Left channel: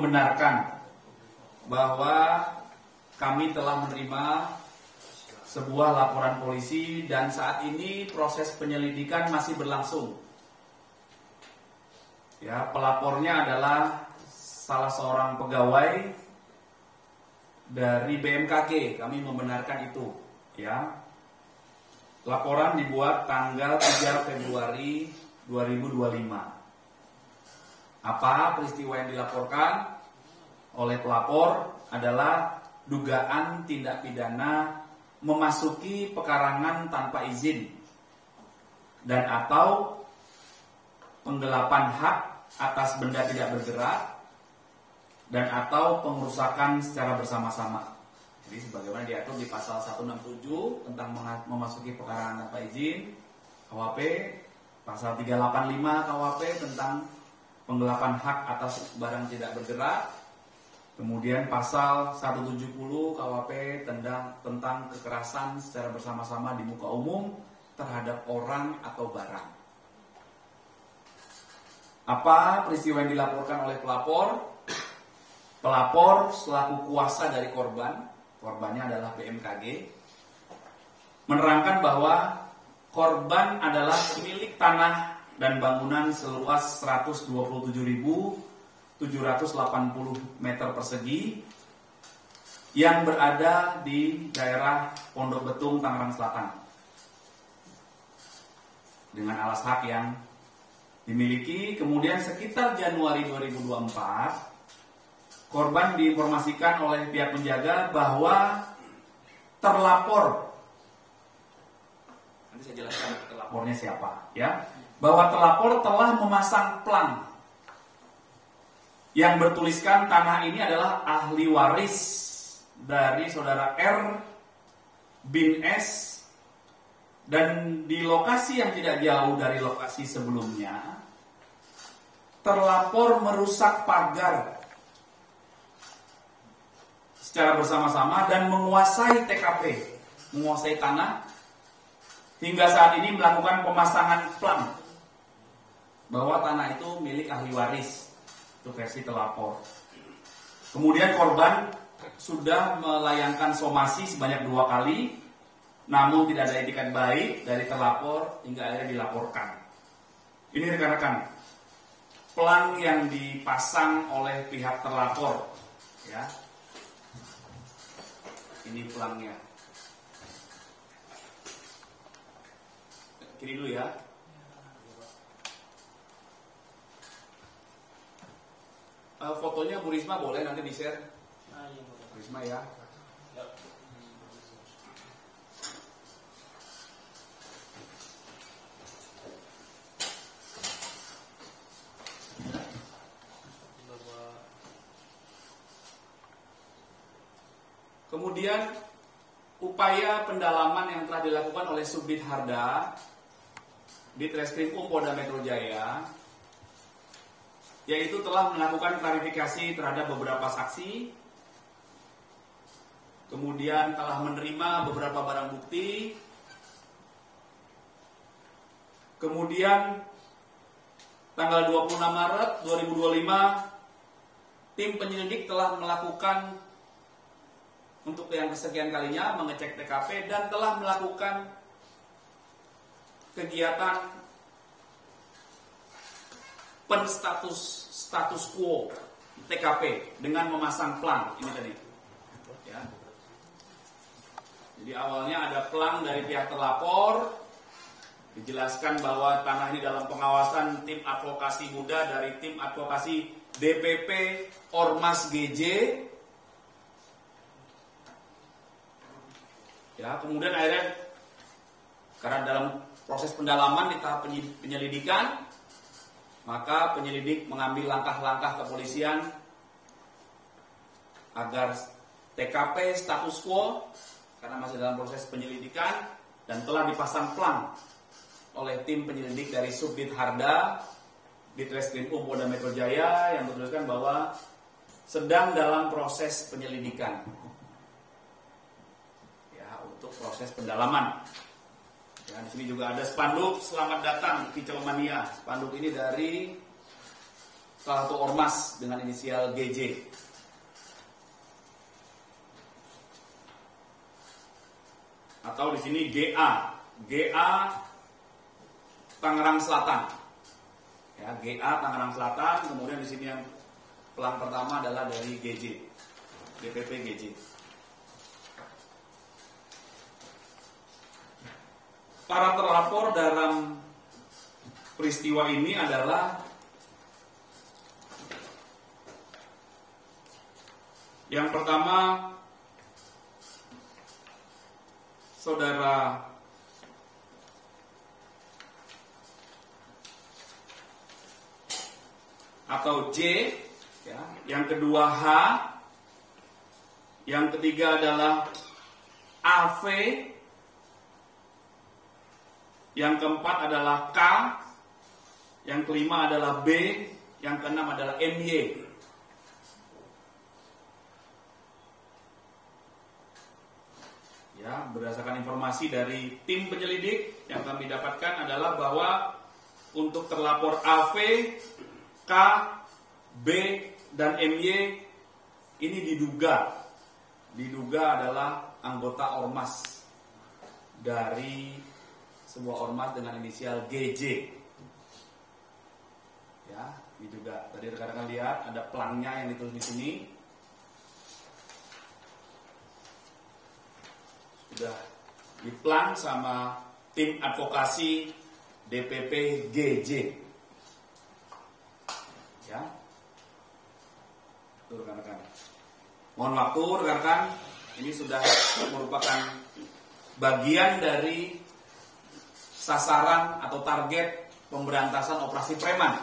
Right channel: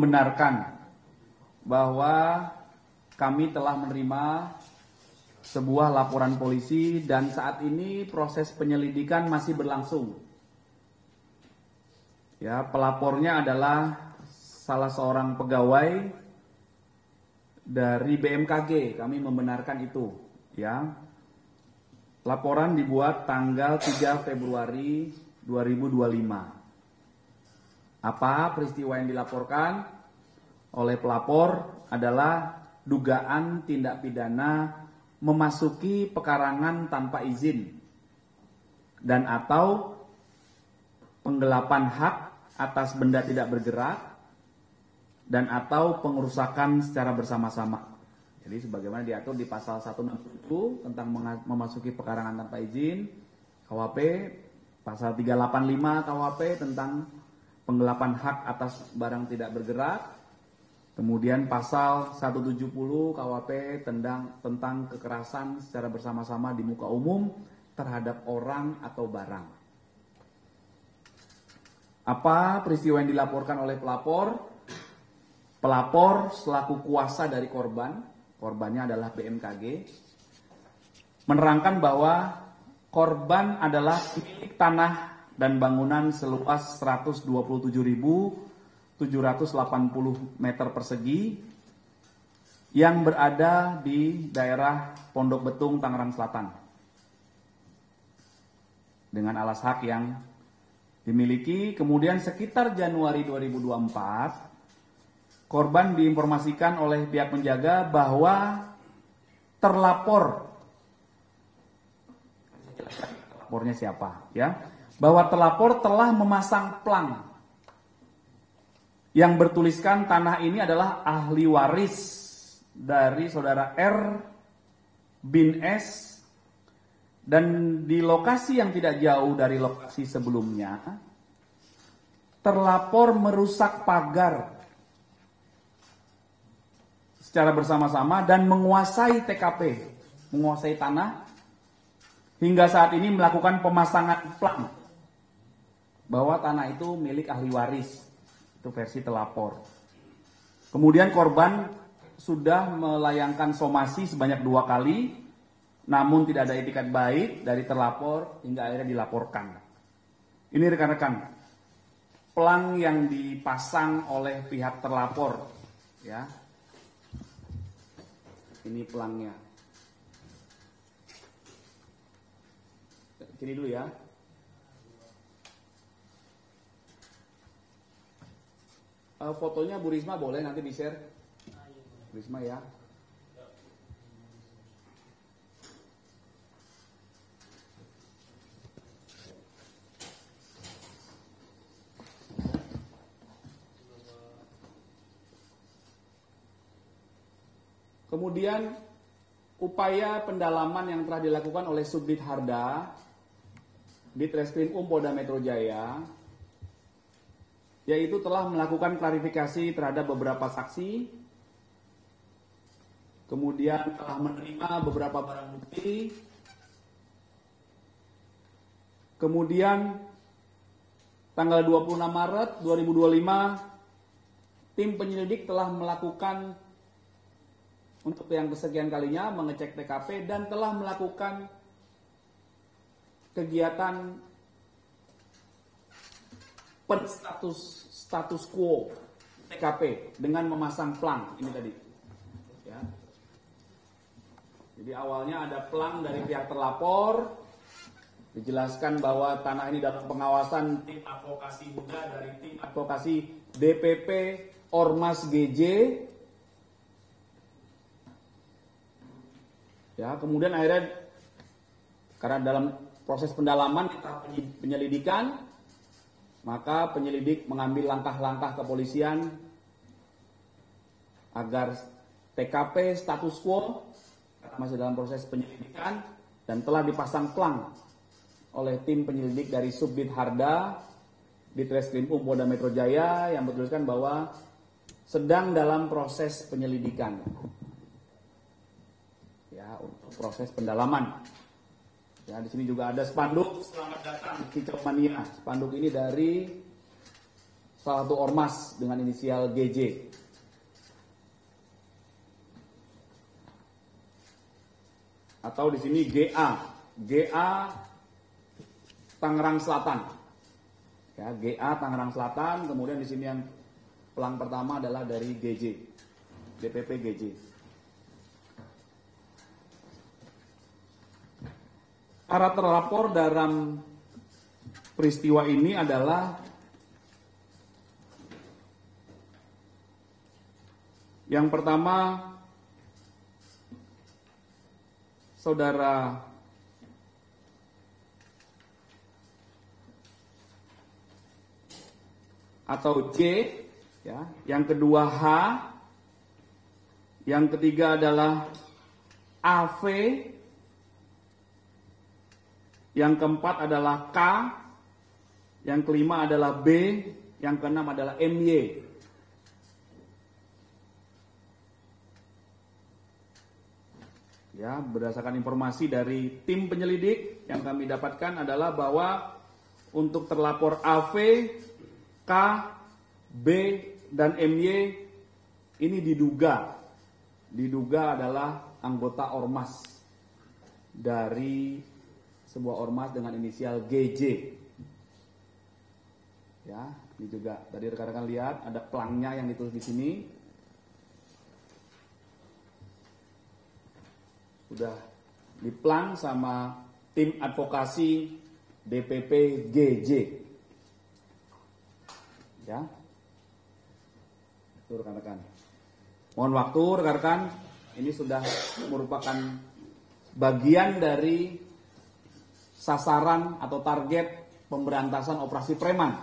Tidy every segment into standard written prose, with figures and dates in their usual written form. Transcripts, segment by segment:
membenarkan bahwa kami telah menerima sebuah laporan polisi dan saat ini proses penyelidikan masih berlangsung. Ya, pelapornya adalah salah seorang pegawai dari BMKG. Kami membenarkan itu, ya. Laporan dibuat tanggal 3 Februari 2025. Apa peristiwa yang dilaporkan oleh pelapor adalah dugaan tindak pidana memasuki pekarangan tanpa izin dan atau penggelapan hak atas benda tidak bergerak dan atau pengerusakan secara bersama-sama. Jadi sebagaimana diatur di pasal 167 tentang memasuki pekarangan tanpa izin KUHP, pasal 385 KUHP tentang penggelapan hak atas barang tidak bergerak, kemudian pasal 170 KUHP tentang kekerasan secara bersama-sama di muka umum terhadap orang atau barang. Apa peristiwa yang dilaporkan oleh pelapor? Pelapor selaku kuasa dari korbannya adalah BMKG, menerangkan bahwa korban adalah pemilik tanah dan bangunan seluas 127.780 meter persegi yang berada di daerah Pondok Betung, Tangerang Selatan, dengan alas hak yang dimiliki. Kemudian sekitar Januari 2024, korban diinformasikan oleh pihak penjaga bahwa terlapor, nanti saya jelaskan terlapornya siapa, ya, bahwa terlapor telah memasang plang yang bertuliskan tanah ini adalah ahli waris dari saudara R bin S, dan di lokasi yang tidak jauh dari lokasi sebelumnya terlapor merusak pagar secara bersama-sama dan menguasai TKP, menguasai tanah, hingga saat ini melakukan pemasangan plang bahwa tanah itu milik ahli waris. Itu versi telapor. Kemudian korban sudah melayangkan somasi sebanyak 2 kali, namun tidak ada etikat baik dari terlapor hingga akhirnya dilaporkan. Ini rekan-rekan, plang yang dipasang oleh pihak terlapor, ya. Ini pelangnya. Kiri dulu ya. Fotonya Bu Risma boleh nanti di-share. Bu Risma ya. Kemudian upaya pendalaman yang telah dilakukan oleh Subdit Harda di Treskrim Polda Metro Jaya, yaitu telah melakukan klarifikasi terhadap beberapa saksi, kemudian telah menerima beberapa barang bukti, kemudian tanggal 26 Maret 2025 tim penyelidik telah melakukan untuk yang kesekian kalinya mengecek TKP dan telah melakukan kegiatan status quo TKP dengan memasang plang ini tadi, ya. Jadi awalnya ada plang dari pihak terlapor, dijelaskan bahwa tanah ini dalam pengawasan tim advokasi muda dari tim advokasi DPP Ormas GJ, ya. Kemudian akhirnya karena dalam proses pendalaman di tahap penyelidikan, maka penyelidik mengambil langkah-langkah kepolisian agar TKP status quo karena masih dalam proses penyelidikan dan telah dipasang plang oleh tim penyelidik dari Subdit Harda di Treskrim Polda Metro Jaya yang bertuliskan bahwa sedang dalam proses penyelidikan, ya, untuk proses pendalaman. Ya, di sini juga ada spanduk selamat datang Kicau Mania. Spanduk ini dari salah satu ormas dengan inisial GJ. Atau di sini GA Tangerang Selatan. Ya, GA Tangerang Selatan, kemudian di sini yang pelang pertama adalah dari GJ. DPP GJ. Para terlapor dalam peristiwa ini adalah yang pertama Saudara atau J, ya. Yang kedua H, yang ketiga adalah AV, yang keempat adalah K, yang kelima adalah B, yang keenam adalah MY. Ya, berdasarkan informasi dari tim penyelidik yang kami dapatkan adalah bahwa untuk terlapor AV, K, B, dan MY ini diduga adalah anggota ormas dari sebuah ormas dengan inisial GJ. Ya, ini juga tadi rekan-rekan lihat ada pelangnya yang ditulis di sini. Sudah diplang sama tim advokasi DPP GJ. Ya. Itu rekan-rekan. Mohon waktu rekan-rekan, ini sudah merupakan bagian dari sasaran atau target pemberantasan operasi preman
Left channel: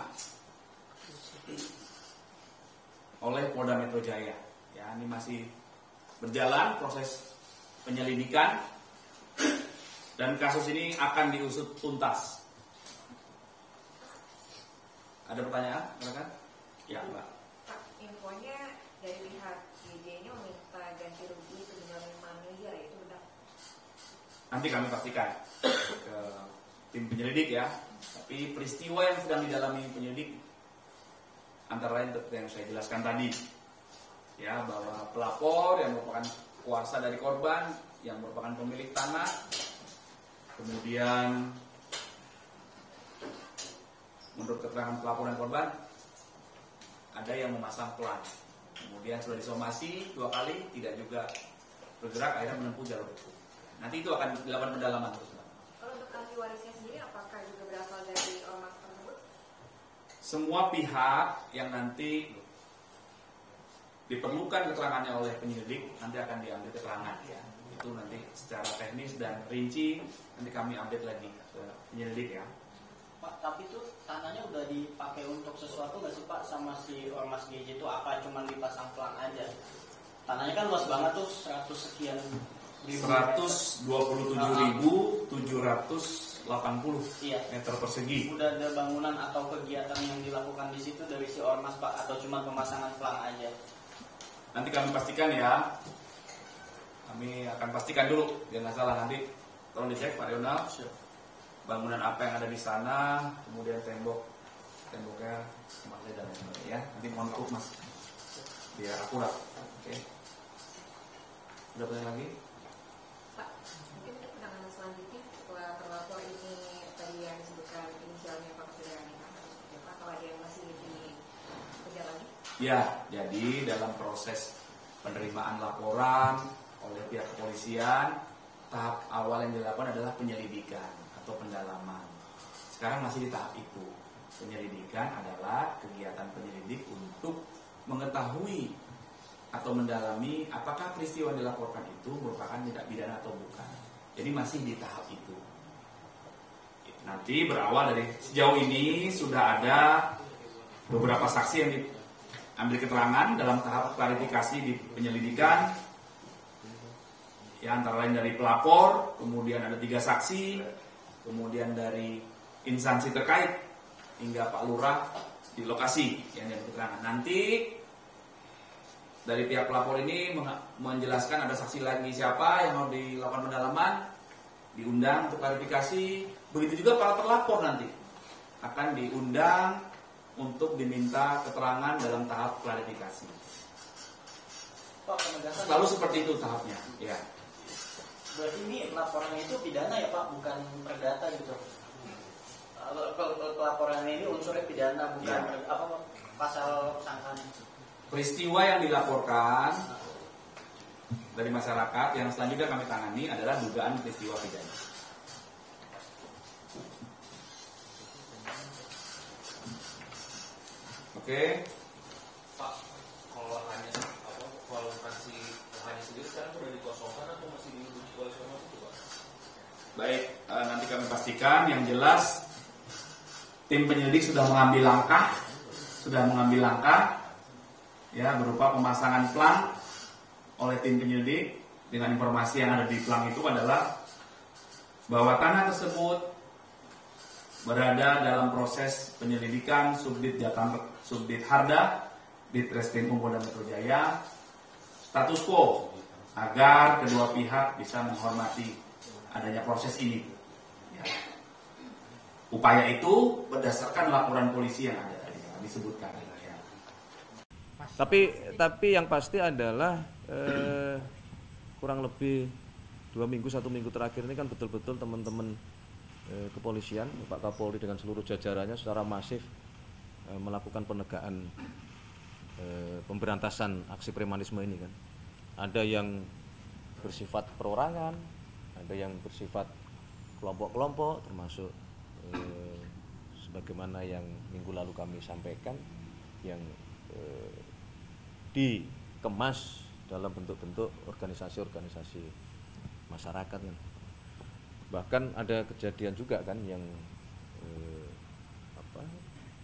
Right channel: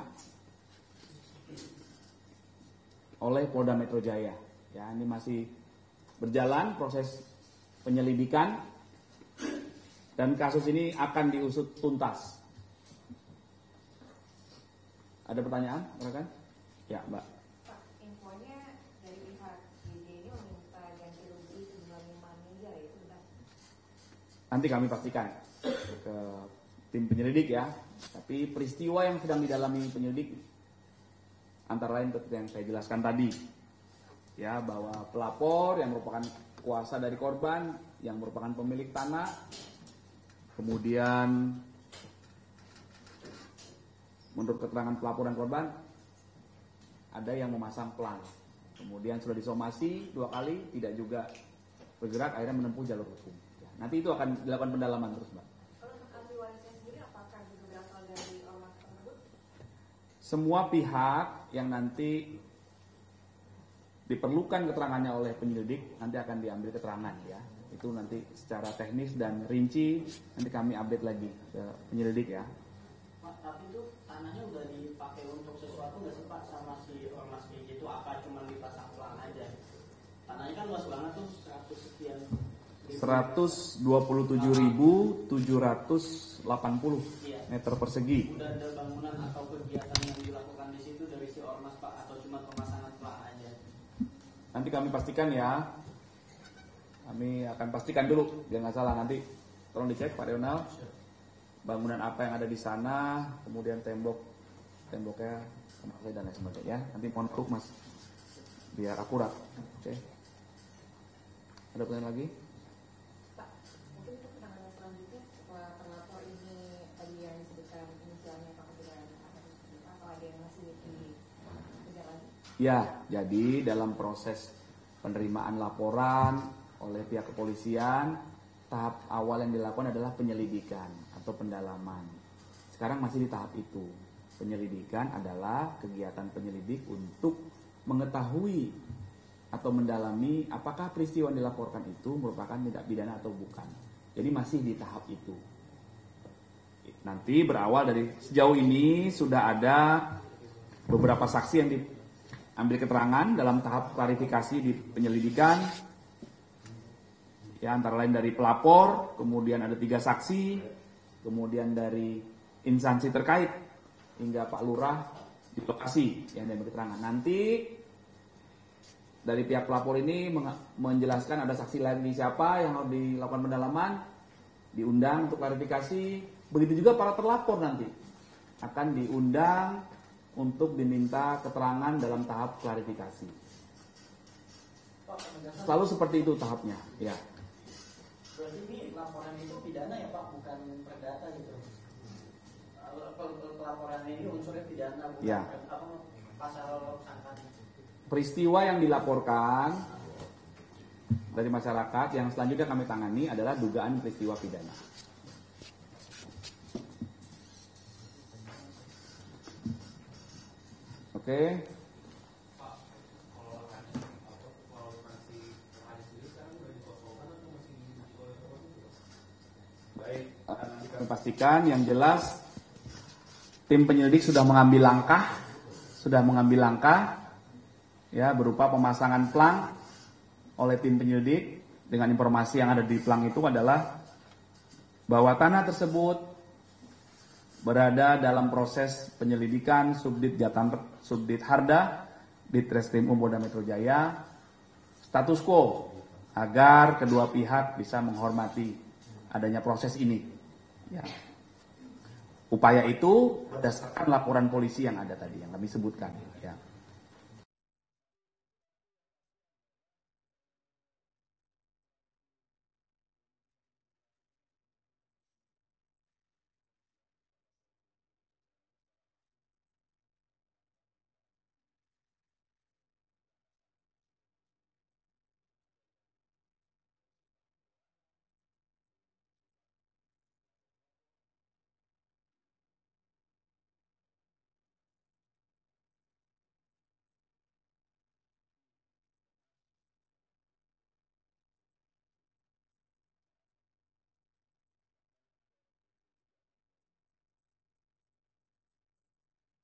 oleh Polda Metro Jaya. Ya, ini masih berjalan proses penyelidikan dan kasus ini akan diusut tuntas. Ada pertanyaan, silakan? Ya, Mbak. Pak, infonya dari pihak GJ ini meminta ganti rugi sebesar 5 miliar, itu benar? Nanti kami pastikan ke tim penyelidik ya. Tapi peristiwa yang sedang didalami penyelidik antara lain yang saya jelaskan tadi, ya, bahwa pelapor yang merupakan kuasa dari korban yang merupakan pemilik tanah, kemudian menurut keterangan pelapor dan korban ada yang memasang pelang, kemudian sudah disomasi 2 kali tidak juga bergerak, akhirnya menempuh jalur hukum. Nanti itu akan dilakukan pendalaman terus, Mbak. Kalau untuk ahli warisnya sendiri apakah juga berasal dari ormas tersebut? Semua pihak yang nanti diperlukan keterangannya oleh penyelidik nanti akan diambil keterangan ya. Itu nanti secara teknis dan rinci nanti kami update lagi ke penyelidik ya. Pak, tapi itu tanahnya udah dipakai untuk sesuatu nggak sih Pak sama si ormas GJ itu, apa cuma dipasang pelang aja? Tanahnya kan luas banget tuh, 100 sekian ribu 127.780 iya. meter persegi. Udah ada bangunan atau kegiatan yang dilakukan di situ dari si ormas Pak, atau cuma pemasangan pelang aja? Nanti kami pastikan ya. Kami akan pastikan dulu, biar nggak salah nanti. Tolong dicek Pak Rional. Bangunan apa yang ada di sana, kemudian temboknya semakin dan lain sebagainya. Ya. Nanti mohon maaf Mas, biar akurat. Oke. Ada pertanyaan lagi? Pak, mungkin untuk penanganan selanjutnya setelah terlapor ini tadi yang disebutkan inisialnya Pak Firani, atau ada yang masih dikejar lagi? Ya, jadi dalam proses penerimaan laporan oleh pihak kepolisian, tahap awal yang dilakukan adalah penyelidikan atau pendalaman. Sekarang masih di tahap itu. Penyelidikan adalah kegiatan penyelidik untuk mengetahui atau mendalami apakah peristiwa yang dilaporkan itu merupakan tindak pidana atau bukan. Jadi masih di tahap itu. Nanti berawal dari sejauh ini sudah ada beberapa saksi yang diambil keterangan dalam tahap klarifikasi di penyelidikan. Ya, antara lain dari pelapor, kemudian ada 3 saksi, kemudian dari instansi terkait hingga Pak Lurah di lokasi yang diambil keterangan. Nanti dari pihak pelapor ini menjelaskan ada saksi lagi siapa yang mau dilakukan pendalaman, diundang untuk klarifikasi. Begitu juga para terlapor nanti akan diundang untuk diminta keterangan dalam tahap klarifikasi. Pak, penegasan. Selalu seperti itu tahapnya, ya. Berarti ini laporannya itu pidana ya Pak, bukan perdata gitu. Pelaporannya ini unsurnya pidana, bukan Ya. Pasal sangkaan. Peristiwa yang dilaporkan dari masyarakat yang selanjutnya kami tangani adalah dugaan peristiwa pidana. Oke. Pak, kalau hanya kalau fraksi hanya sendiri sekarang sudah dikosongkan atau masih diuji oleh semua itu, Pak? Baik, nanti kami pastikan. Yang jelas tim penyelidik sudah mengambil langkah, ya, berupa pemasangan plang oleh tim penyelidik. Dengan informasi yang ada di plang itu adalah bahwa tanah tersebut berada dalam proses penyelidikan Subdit Harda Ditreskrim Polda Metro Jaya, status quo agar kedua pihak bisa menghormati adanya proses ini. Ya. Upaya itu berdasarkan laporan polisi yang ada tadi yang kami sebutkan. Ya. Tapi yang pasti adalah kurang lebih 1 minggu terakhir ini kan betul-betul teman-teman kepolisian, Pak Kapolri dengan seluruh jajarannya secara masif melakukan penegakan pemberantasan aksi premanisme ini kan. Ada yang bersifat perorangan, ada yang bersifat kelompok-kelompok, termasuk sebagaimana yang minggu lalu kami sampaikan, yang dikemas dalam bentuk-bentuk organisasi-organisasi masyarakat kan. Bahkan ada kejadian juga kan yang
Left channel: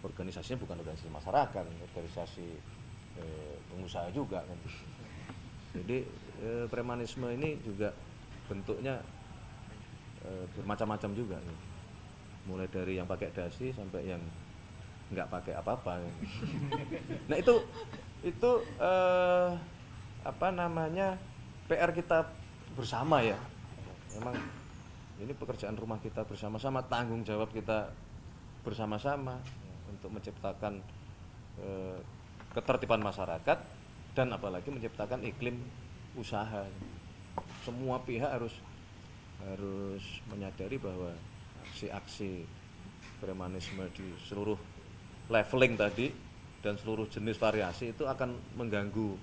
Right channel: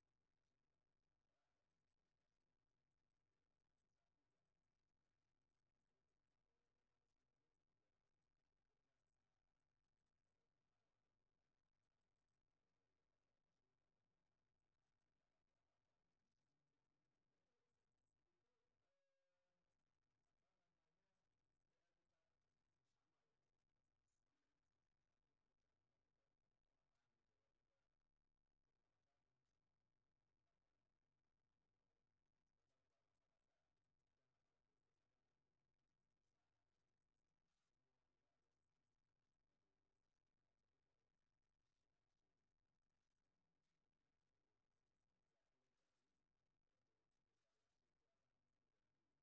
organisasinya bukan organisasi masyarakat, organisasi pengusaha juga kan. Jadi premanisme ini juga bentuknya bermacam-macam juga kan. Mulai dari yang pakai dasi sampai yang nggak pakai apa-apa kan. Nah itu PR kita bersama ya. Memang ini pekerjaan rumah kita bersama-sama, tanggung jawab kita bersama-sama untuk menciptakan ketertiban masyarakat dan apalagi menciptakan iklim usaha. Semua pihak harus menyadari bahwa aksi-aksi premanisme di seluruh leveling tadi dan seluruh jenis variasi itu akan mengganggu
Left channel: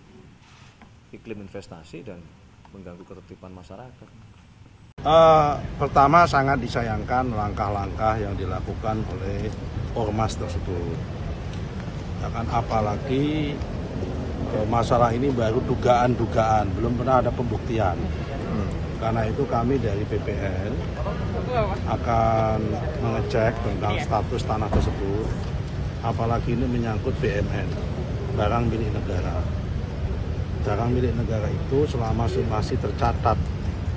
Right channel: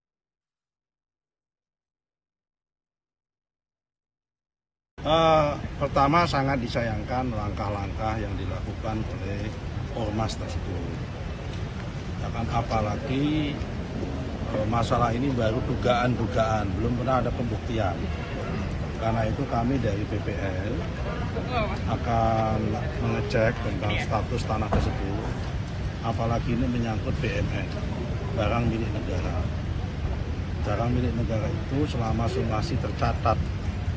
iklim investasi dan mengganggu ketertiban masyarakat. Pertama sangat disayangkan langkah-langkah yang dilakukan oleh ormas tersebut. Bahkan apalagi masalah ini baru dugaan-dugaan, belum pernah ada pembuktian. Karena itu kami dari BPN akan mengecek tentang status tanah tersebut. Apalagi ini menyangkut BMN, barang milik negara. Barang milik negara itu selama masih tercatat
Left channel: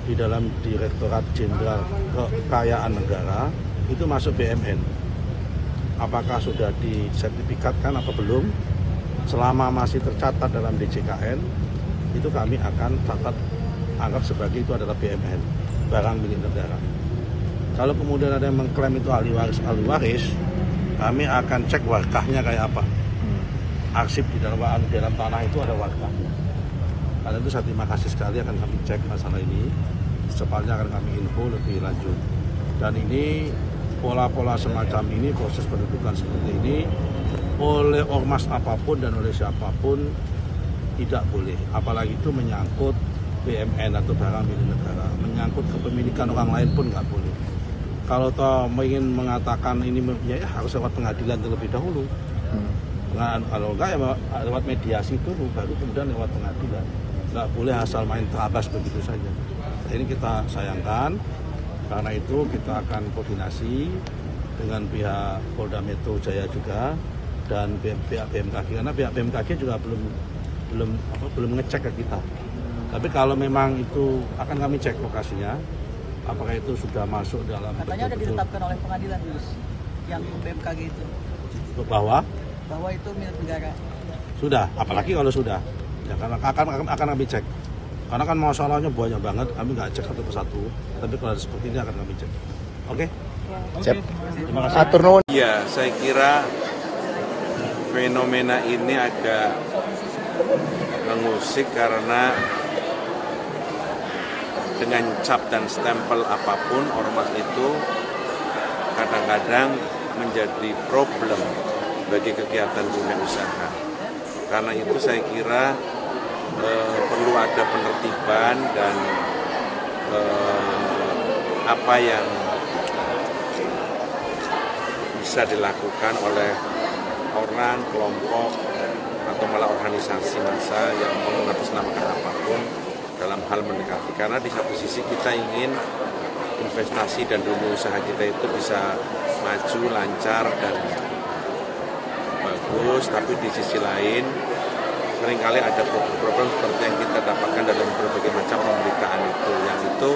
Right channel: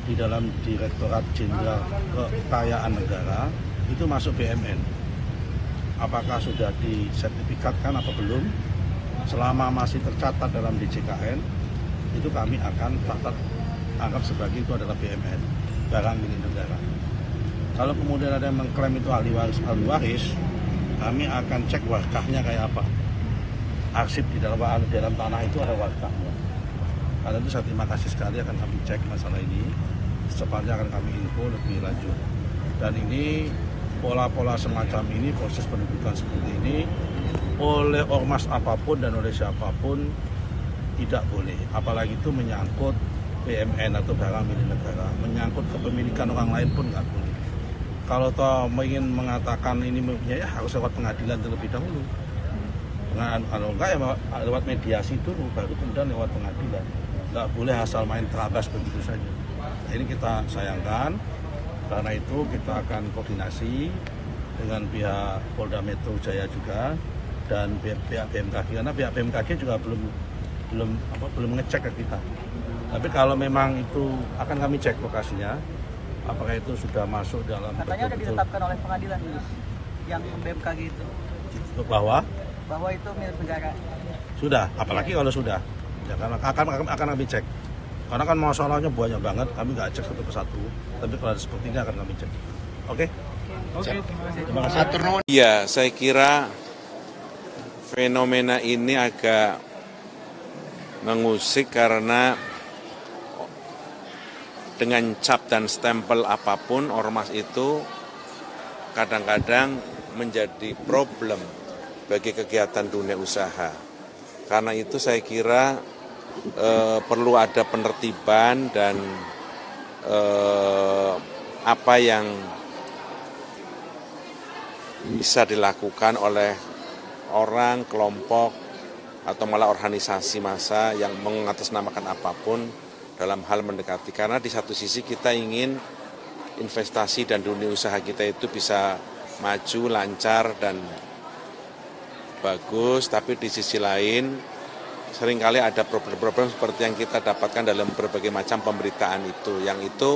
di dalam Direktorat Jenderal Kekayaan Negara itu masuk BMN. Apakah sudah disertifikatkan atau belum? Selama masih tercatat dalam DJKN, itu kami akan anggap sebagai itu adalah BMN, barang milik negara. Kalau kemudian ada yang mengklaim itu ahli waris, kami akan cek warkahnya kayak apa. Arsip di dalam tanah itu ada warkahnya. Karena itu saya terima kasih sekali akan kami cek masalah ini. Secepatnya akan kami info lebih lanjut. Dan ini pola-pola semacam ini, proses pendudukan seperti ini oleh ormas apapun dan oleh siapapun tidak boleh. Apalagi itu menyangkut BMN atau barang milik negara, menyangkut kepemilikan orang lain pun nggak boleh. Kalau toh ingin mengatakan ini ya harus lewat pengadilan terlebih dahulu. Kalau enggak ya lewat mediasi dulu, baru kemudian lewat pengadilan. Nggak boleh asal main teratas begitu saja. Ini kita sayangkan, karena itu kita akan koordinasi dengan pihak Polda Metro Jaya juga dan pihak BMKG, karena pihak BMKG juga belum ngecek ke kita. Tapi kalau memang itu akan kami cek lokasinya, apakah itu sudah masuk dalam katanya sudah ditetapkan oleh pengadilan yang BMKG itu bahwa itu milik negara. Sudah, apalagi kalau sudah ya, karena akan kami cek, karena kan masalahnya banyak banget, kami nggak cek satu persatu, tapi kalau ada seperti ini akan kami cek. Oke? Terima kasih. Iya, saya kira fenomena ini agak mengusik karena dengan cap dan stempel apapun ormas itu kadang-kadang menjadi problem bagi kegiatan dunia usaha. Karena itu saya kira perlu ada penertiban dan apa yang bisa dilakukan oleh orang, kelompok, atau malah organisasi massa yang mengatasnamakan apapun dalam hal mendekati. Karena di satu sisi kita ingin investasi dan dunia usaha kita itu bisa maju, lancar, dan bagus, tapi di sisi lain seringkali ada problem-problem seperti yang kita dapatkan dalam berbagai macam pemberitaan itu, yang itu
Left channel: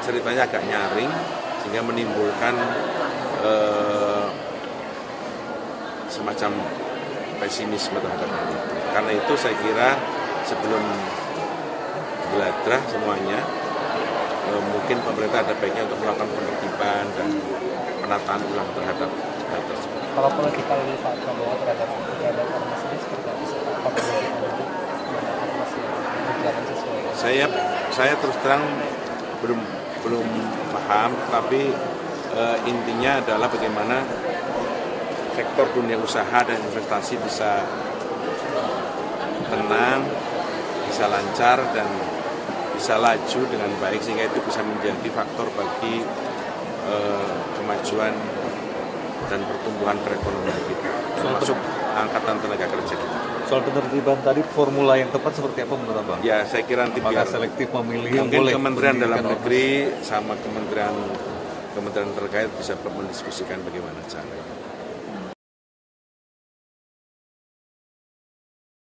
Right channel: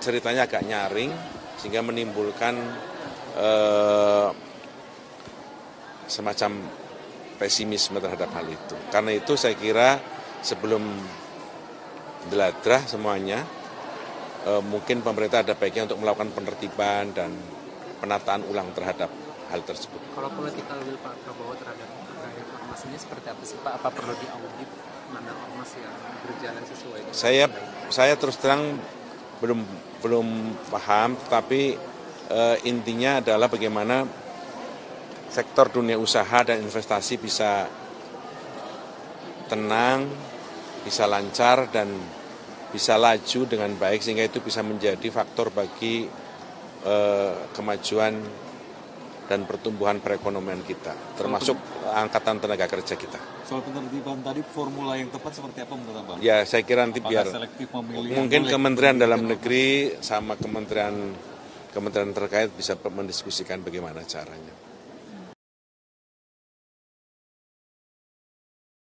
ceritanya agak nyaring sehingga menimbulkan semacam pesimisme terhadap hal itu. Karena itu saya kira sebelum geladrah semuanya, mungkin pemerintah ada baiknya untuk melakukan penertiban dan penataan ulang terhadap hal tersebut. Kalau kita lihat Pak Prabowo terhadap ormas ini seperti apa sih Pak? Apakah Saya terus terang belum paham, tapi intinya adalah bagaimana sektor dunia usaha dan investasi bisa tenang, bisa lancar, dan bisa laju dengan baik, sehingga itu bisa menjadi faktor bagi kemajuan dan pertumbuhan perekonomian kita, termasuk angkatan tenaga kerja kita. Soal penertiban tadi, formula yang tepat seperti apa menurut Abang? Ya, saya kira nanti biar selektif memilih mungkin Kementerian Dalam Negeri sama kementerian terkait bisa mendiskusikan bagaimana caranya.